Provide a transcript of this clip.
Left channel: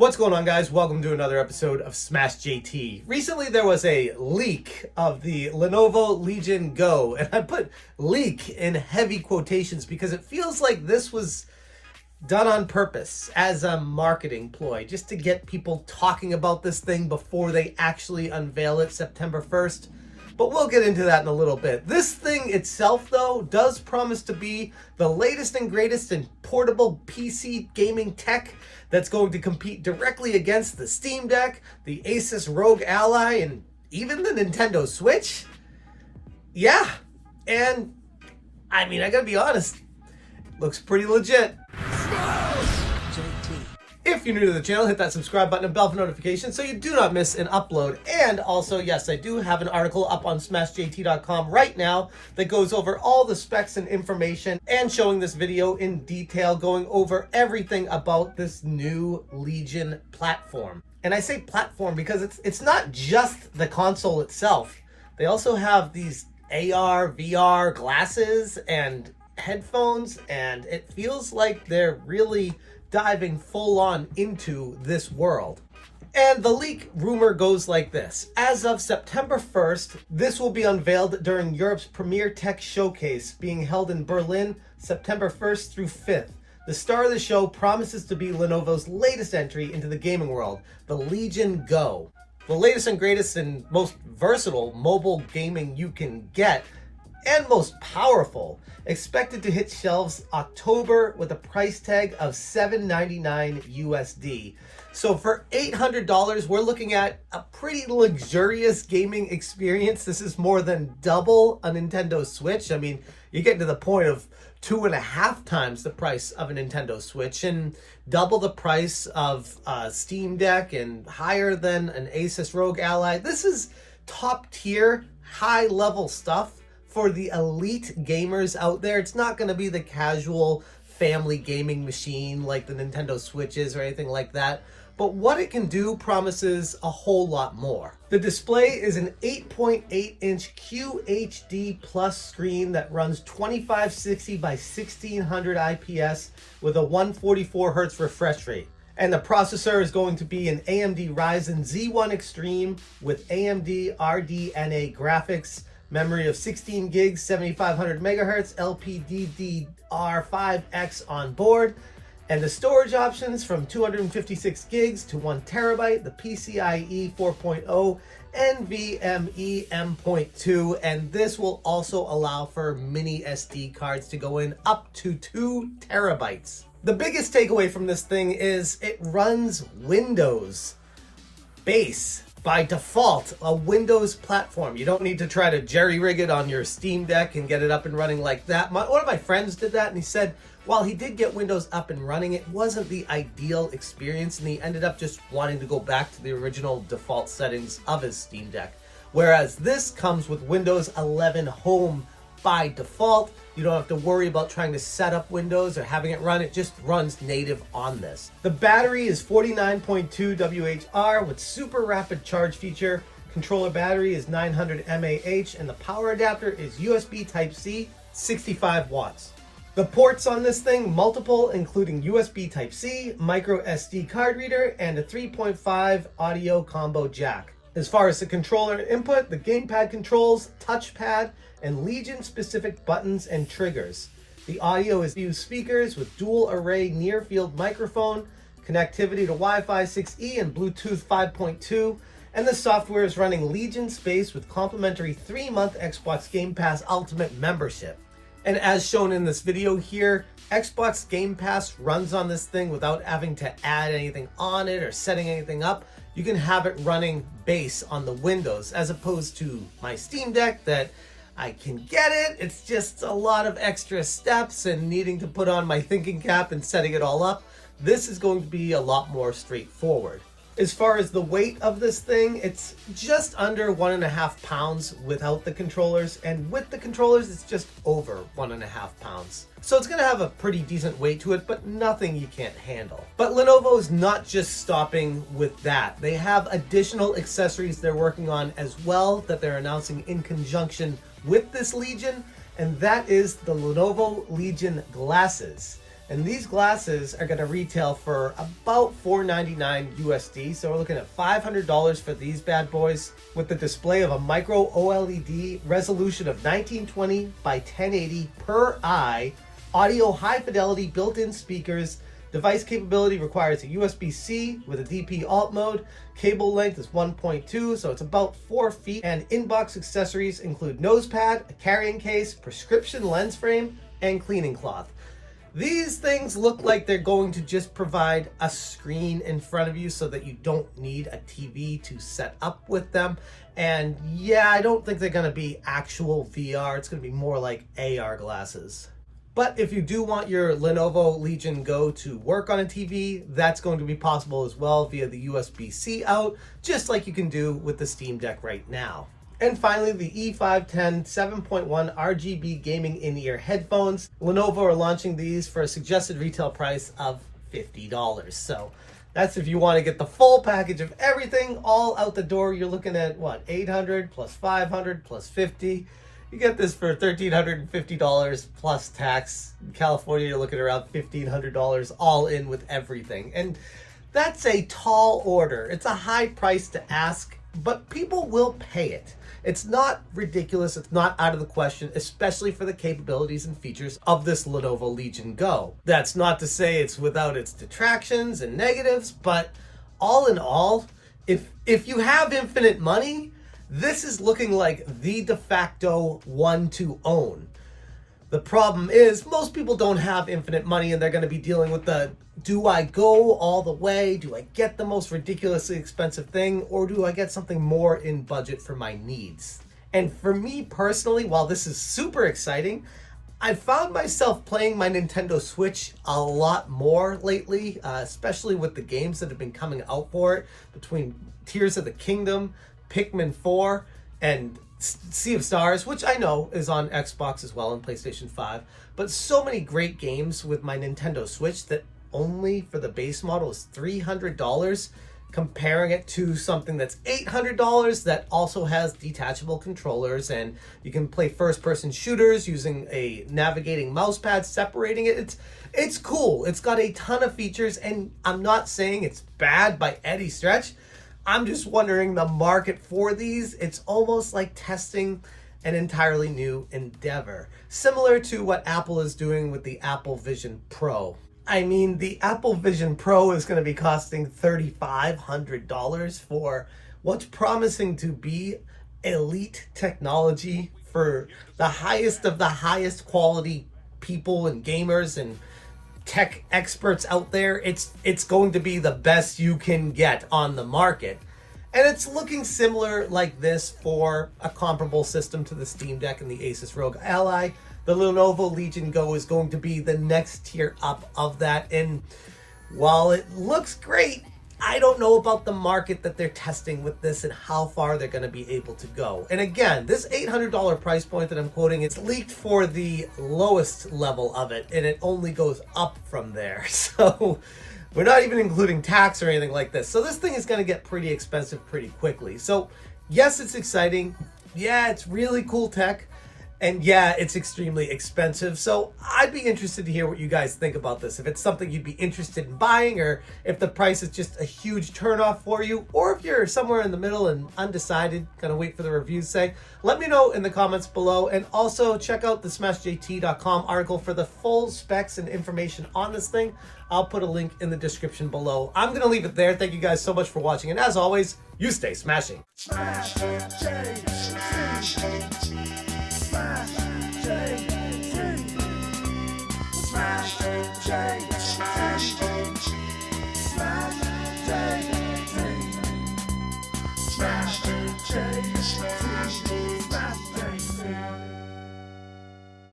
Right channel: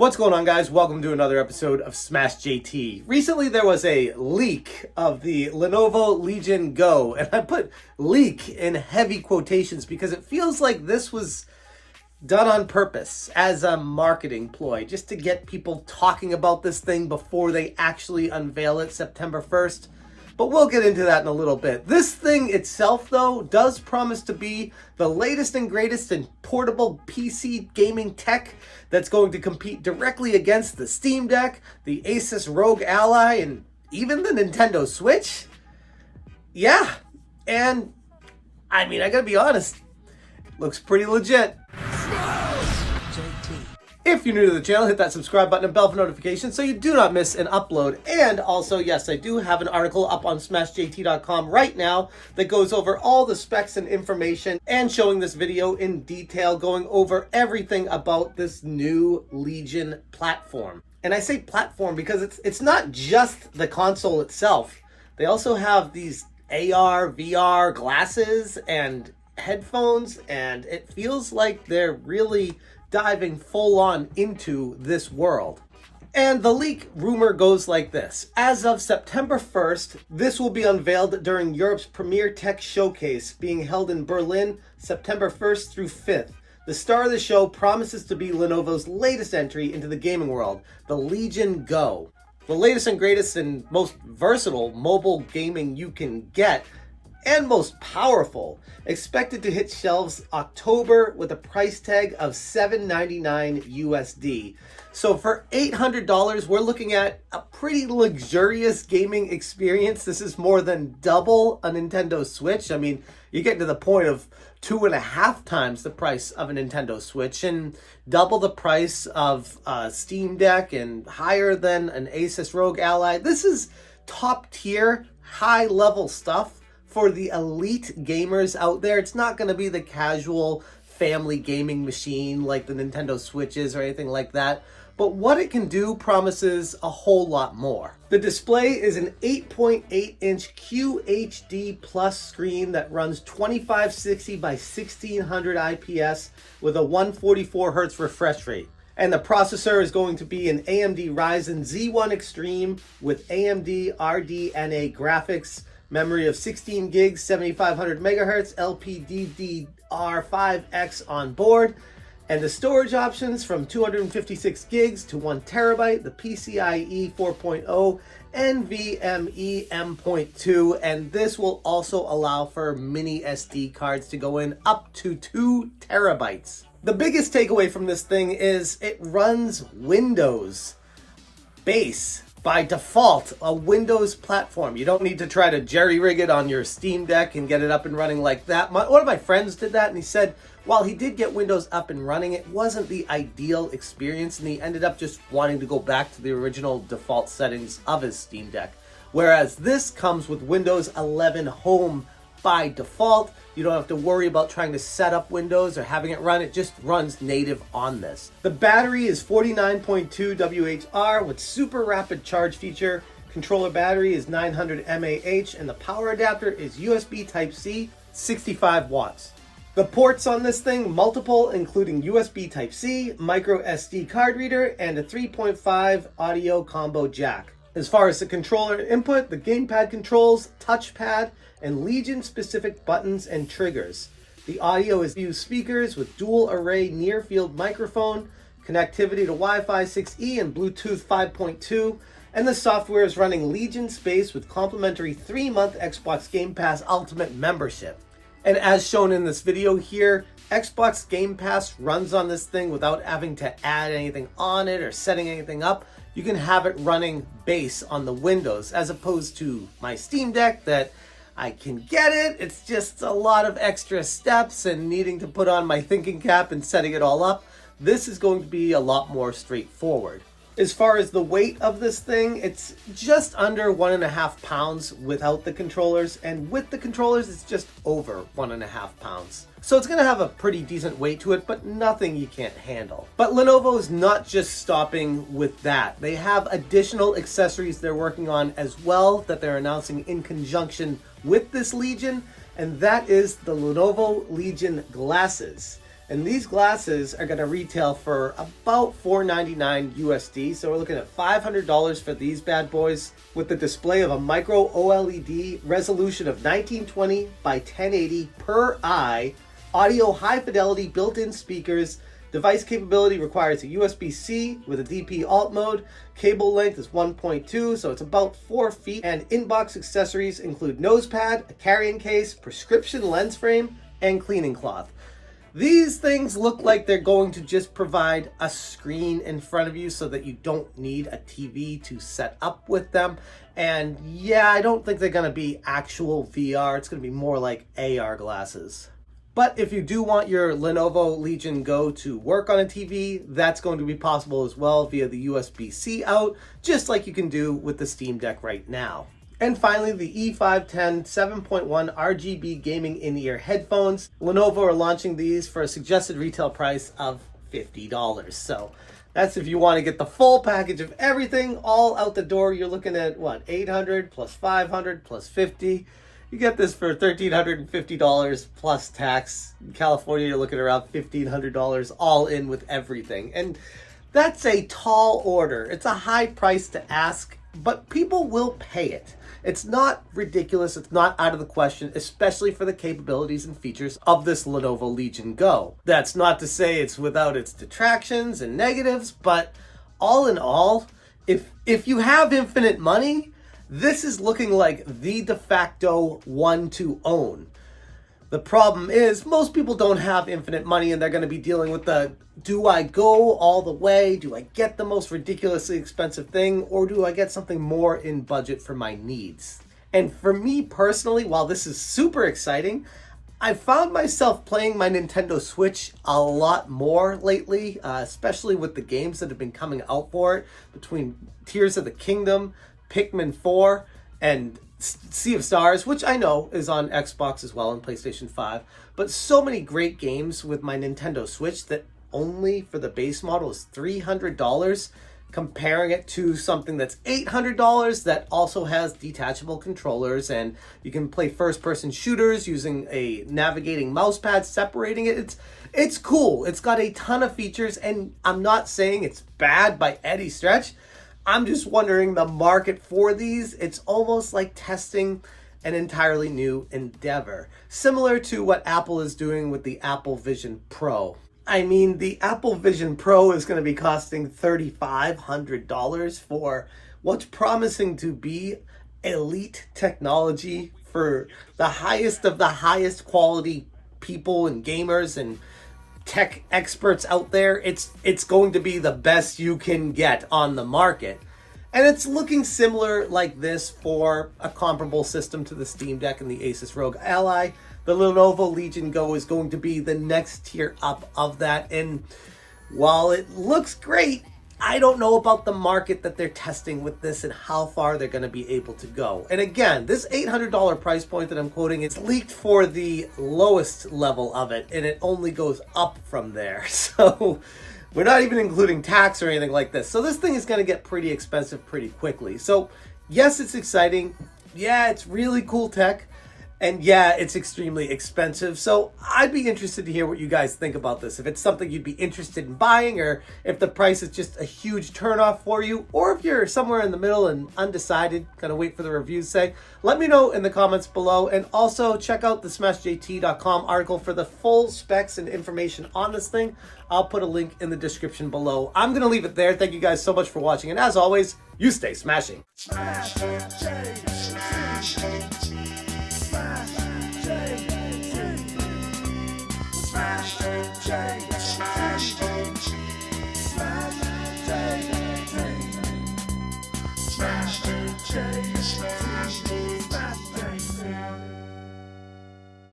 What's going on, guys? Welcome to another episode of Smash JT. Recently there was a leak of the Lenovo Legion Go, and I put leak in heavy quotations because it feels like this was done on purpose as a marketing ploy, just to get people talking about this thing before they actually unveil it September 1st. But we'll get into that in a little bit. This thing itself, though, does promise to be the latest and greatest in portable PC gaming tech that's going to compete directly against the Steam Deck, the Asus ROG Ally, and even the Nintendo Switch. Yeah, and I mean, I gotta be honest, looks pretty legit. JT. If you're new to the channel, hit that subscribe button and bell for notifications so you do not miss an upload. And also, yes, I do have an article up on smashjt.com right now that goes over all the specs and information and showing this video in detail, going over everything about this new Legion platform. And I say platform because it's not just the console itself. They also have these AR, VR glasses and headphones, and it feels like they're really diving full on into this world. And the leak rumor goes like this. As of September 1st, this will be unveiled during Europe's premier tech showcase being held in Berlin, September 1st through 5th. The star of the show promises to be Lenovo's latest entry into the gaming world, the Legion Go. The latest and greatest and most versatile mobile gaming you can get, and most powerful, expected to hit shelves October with a price tag of $799 USD. So for $800, we're looking at a pretty luxurious gaming experience. This is more than double a Nintendo Switch. I mean, you're getting to the point of 2.5 times the price of a Nintendo Switch and double the price of a Steam Deck and higher than an Asus ROG Ally. This is top tier, high level stuff for the elite gamers out there. It's not going to be the casual family gaming machine like the Nintendo Switches or anything like that. But what it can do promises a whole lot more. The display is an 8.8-inch QHD Plus screen that runs 2560 by 1600 IPS with a 144 Hz refresh rate. And the processor is going to be an AMD Ryzen Z1 Extreme with AMD RDNA graphics, memory of 16 gigs, 7500 megahertz, LPDDR5X on board, and the storage options from 256 gigs to 1 terabyte, the PCIe 4.0, NVMe M.2, and this will also allow for mini SD cards to go in up to 2 terabytes. The biggest takeaway from this thing is it runs Windows base. By default, a Windows platform. You don't need to try to jerry-rig it on your Steam Deck and get it up and running like that. One of my friends did that, and he said while he did get Windows up and running, it wasn't the ideal experience, and he ended up just wanting to go back to the original default settings of his Steam Deck. Whereas this comes with Windows 11 Home by default. You don't have to worry about trying to set up Windows or having it run. It just runs native on this. The battery is 49.2 WHR with super rapid charge feature. Controller battery is 900 mAh, and the power adapter is USB Type-C, 65 watts. The ports on this thing, multiple, including USB Type-C, micro SD card reader, and a 3.5 audio combo jack. As far as the controller input, the gamepad controls, touchpad, and Legion-specific buttons and triggers. The audio is used speakers with dual array near-field microphone, connectivity to Wi-Fi 6E and Bluetooth 5.2, and the software is running Legion Space with complimentary 3-month Xbox Game Pass Ultimate membership. And as shown in this video here, Xbox Game Pass runs on this thing without having to add anything on it or setting anything up. You can have it running base on the Windows, as opposed to my Steam Deck that I can get it. It's just a lot of extra steps and needing to put on my thinking cap and setting it all up. This is going to be a lot more straightforward. As far as the weight of this thing, it's just under 1.5 pounds without the controllers, and with the controllers, it's just over 1.5 pounds. So it's going to have a pretty decent weight to it, but nothing you can't handle. But Lenovo is not just stopping with that. They have additional accessories they're working on as well that they're announcing in conjunction with this Legion, and that is the Lenovo Legion glasses. And these glasses are going to retail for about $499 USD. So we're looking at $500 for these bad boys with the display of a micro OLED resolution of 1920 by 1080 per eye, audio high fidelity built-in speakers. Device capability requires a USB-C with a DP alt mode. Cable length is 1.2, so it's about 4 feet. And inbox accessories include nose pad, a carrying case, prescription lens frame, and cleaning cloth. These things look like they're going to just provide a screen in front of you so that you don't need a TV to set up with them. And yeah, I don't think they're going to be actual VR. It's going to be more like AR glasses. But if you do want your Lenovo Legion Go to work on a TV, that's going to be possible as well via the USB-C out, just like you can do with the Steam Deck right now. And finally, the E510 7.1 RGB gaming in-ear headphones. Lenovo are launching these for a suggested retail price of $50. So that's if you want to get the full package of everything all out the door. You're looking at what, $800 plus $500 plus $50. You get this for $1,350 plus tax. In California, you're looking around $1,500 all in with everything. And that's a tall order. It's a high price to ask, but people will pay it. It's not ridiculous. It's not out of the question, especially for the capabilities and features of this Lenovo Legion Go. That's not to say it's without its detractions and negatives, but all in all, if you have infinite money, this is looking like the de facto one to own. The problem is most people don't have infinite money and they're going to be dealing with the, do I go all the way? Do I get the most ridiculously expensive thing? Or do I get something more in budget for my needs? And for me personally, while this is super exciting, I found myself playing my Nintendo Switch a lot more lately, especially with the games that have been coming out for it, between Tears of the Kingdom, Pikmin 4, and Sea of Stars, which I know is on Xbox as well and PlayStation 5, but so many great games with my Nintendo Switch that only for the base model is $300, comparing it to something that's $800 that also has detachable controllers and you can play first-person shooters using a navigating mouse pad separating it. It's cool. It's got a ton of features, and I'm not saying it's bad by any stretch. I'm just wondering the market for these. It's almost like testing an entirely new endeavor, similar to what Apple is doing with the Apple Vision Pro. I mean, the Apple Vision Pro is going to be costing $3,500 for what's promising to be elite technology for the highest of the highest quality people and gamers and tech experts out there. It's going to be the best you can get on the market. And it's looking similar like this for a comparable system to the Steam Deck and the Asus ROG Ally. The Lenovo Legion Go is going to be the next tier up of that. And while it looks great, I don't know about the market that they're testing with this and how far they're going to be able to go. And again, this $800 price point that I'm quoting is leaked for the lowest level of it, and it only goes up from there. So we're not even including tax or anything like this. So this thing is going to get pretty expensive pretty quickly. So yes, it's exciting. Yeah, it's really cool tech. And yeah, it's extremely expensive. So I'd be interested to hear what you guys think about this. If it's something you'd be interested in buying, or if the price is just a huge turnoff for you, or if you're somewhere in the middle and undecided, gonna wait for the reviews sake, let me know in the comments below. And also check out the smashjt.com article for the full specs and information on this thing. I'll put a link in the description below. I'm gonna leave it there. Thank you guys so much for watching. And as always, you stay smashing. Smash J.